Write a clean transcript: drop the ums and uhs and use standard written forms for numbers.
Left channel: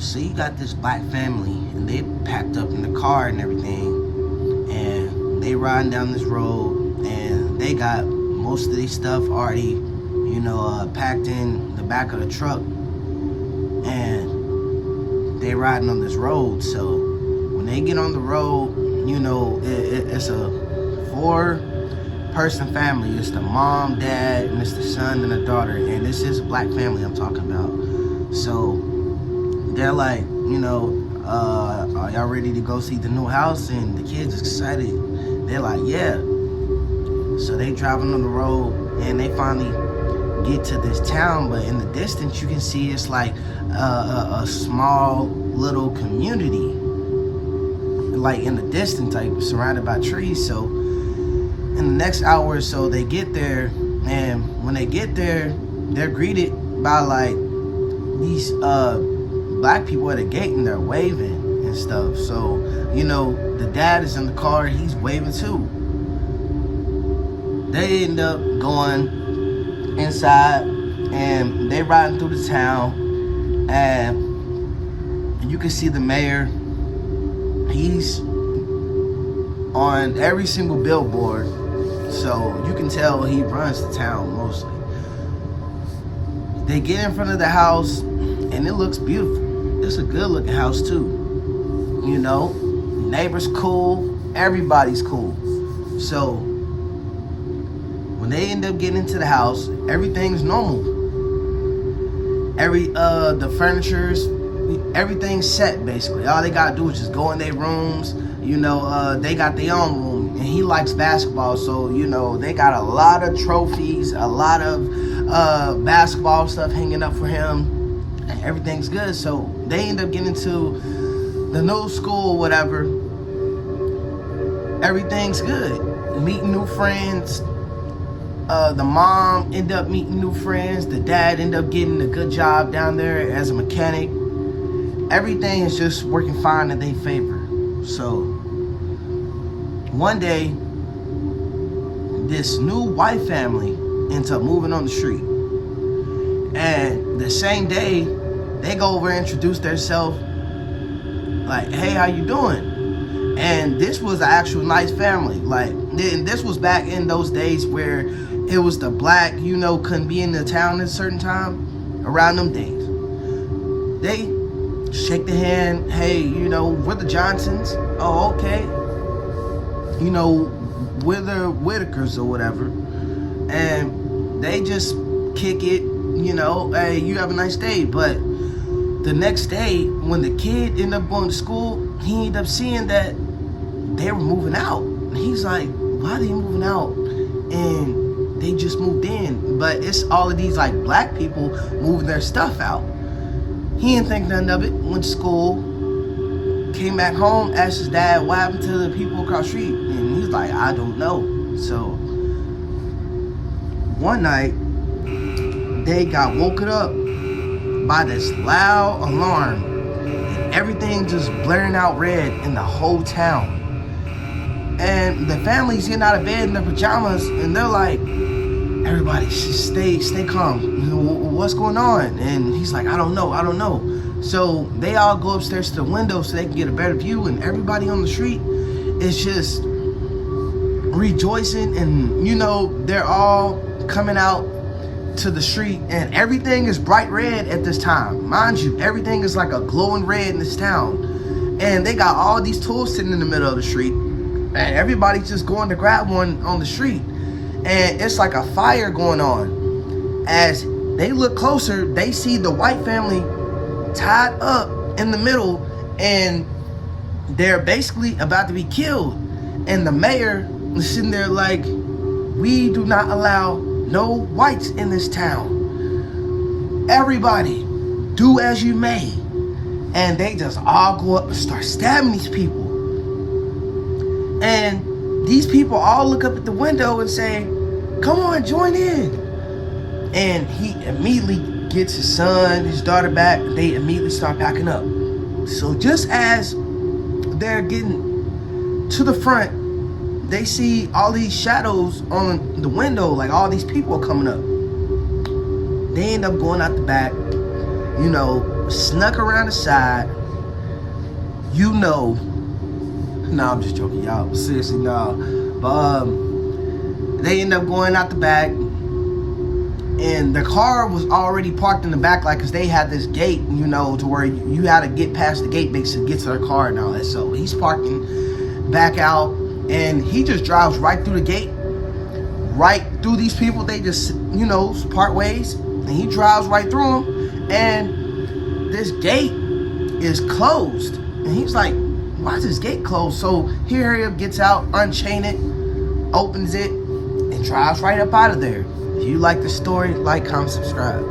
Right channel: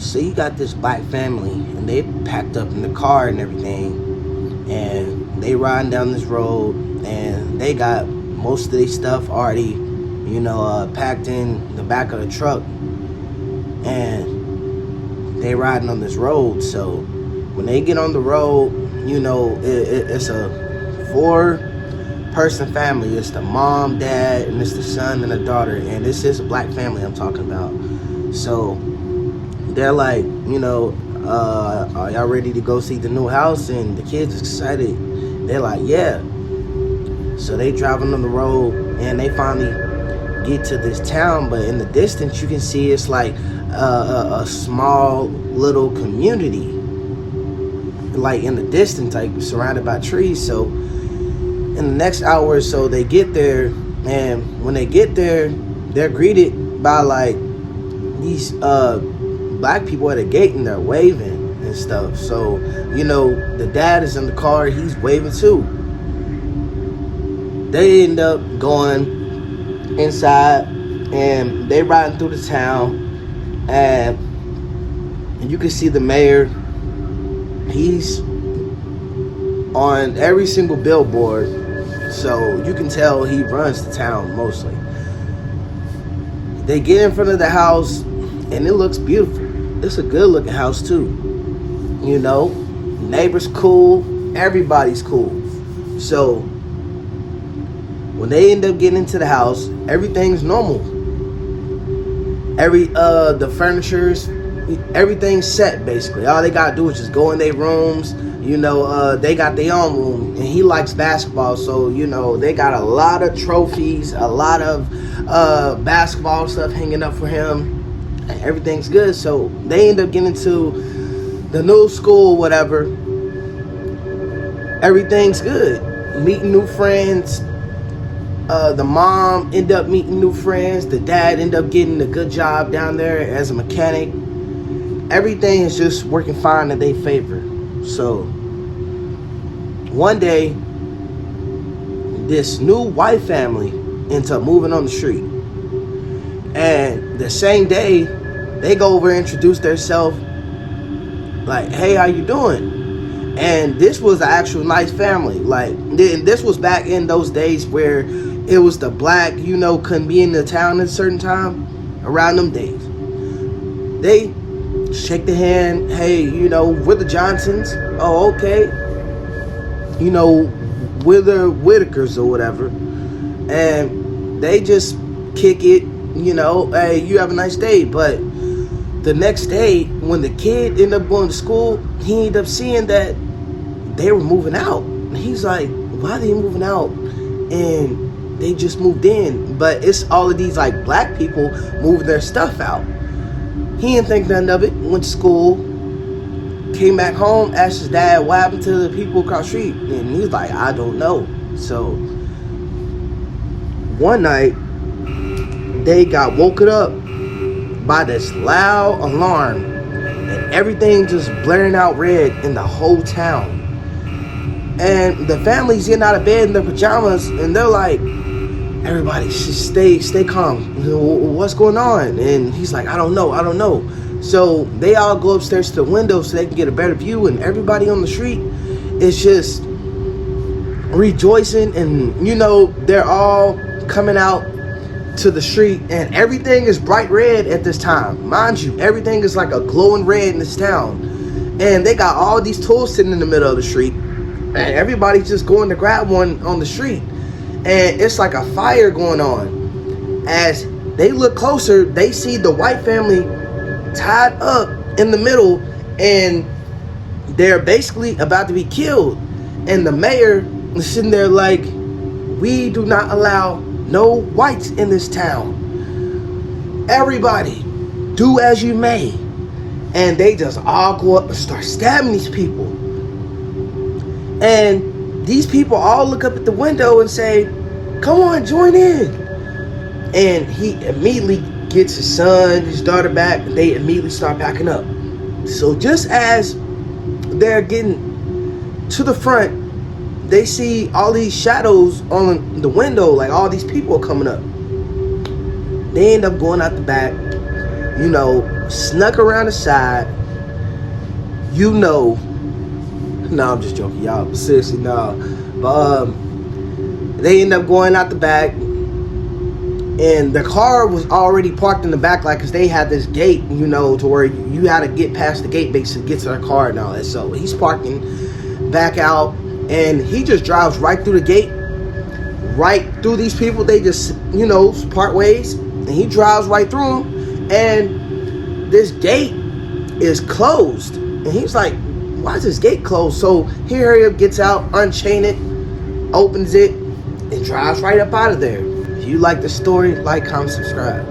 So you got this black family, and they packed up in the car and everything, and they riding down this road, and they got most of their stuff already, packed in the back of the truck, and they riding on this road. So when they get on the road, it's a 4-person family. It's the mom, dad, and it's the son and the daughter, and this is a black family I'm talking about. So they're like, are y'all ready to go see the new house? And the kids excited. They're like, yeah. So they driving on the road, and they finally get to this town, but in the distance you can see it's like a small little community, like in the distance, like surrounded by trees. So in the next hour or so they get there, and when they get there, they're greeted by like these black people at a gate, and they're waving and stuff. So the dad is in the car, he's waving too. They end up going inside, and they riding through the town, and you can see the mayor. He's on every single billboard, so you can tell he runs the town mostly. They get in front of the house, and it looks beautiful. It's a good looking house too. Neighbors cool, everybody's cool. So when they end up getting into the house, everything's normal. The furniture's, everything's set basically. All they gotta do is just go in their rooms. They got their own room, and he likes basketball, so they got a lot of trophies, a lot of basketball stuff hanging up for him. Everything's good. So they end up getting to the new school, whatever. Everything's good. Meeting new friends. The mom end up meeting new friends. The dad end up getting a good job down there as a mechanic. Everything is just working fine in their favor. So one day, this new white family ends up moving on the street. And the same day, they go over and introduce themselves, like, hey, how you doing? And this was an actual nice family. Like, this was back in those days where it was the black, couldn't be in the town at a certain time. Around them days, they shake the hand. Hey, we're the Johnsons. Oh, okay. We're the Whitakers or whatever. And they just kick it. Hey, you have a nice day. But the next day, when the kid ended up going to school, he ended up seeing that they were moving out. He's like, why are they moving out? And they just moved in. But it's all of these like black people moving their stuff out. He didn't think nothing of it. Went to school, came back home, asked his dad what happened to the people across the street. And he was like, I don't know. So one night, they got woken up by this loud alarm, and everything just blaring out red in the whole town. And the family's getting out of bed in their pajamas, and they're like, everybody just stay calm. What's going on? And he's like, I don't know. So they all go upstairs to the window so they can get a better view, and everybody on the street is just rejoicing, and they're all coming out to the street, and everything is bright red at this time. Mind you, everything is like a glowing red in this town, and they got all these tools sitting in the middle of the street, and everybody's just going to grab one on the street, and it's like a fire going on. As they look closer, they see the white family tied up in the middle, and they're basically about to be killed. And the mayor is sitting there like, we do not allow no whites in this town. Everybody, do as you may. And they just all go up and start stabbing these people. And these people all look up at the window and say, come on, join in. And he immediately gets his son, his daughter back. They immediately start packing up. So just as they're getting to the front, they see all these shadows on the window, like all these people coming up. They end up going out the back. snuck around the side. No, I'm just joking, y'all. Seriously, no. But they end up going out the back, and the car was already parked in the back, like, because they had this gate, to where you had to get past the gate basically to get to their car and all that. So he's parking back out, and he just drives right through the gate, right through these people. They just, part ways, and he drives right through them, and this gate is closed. And he's like, why is this gate closed? So he hurry up, gets out, unchain it, opens it, and drives right up out of there. If you like the story, like, comment, subscribe.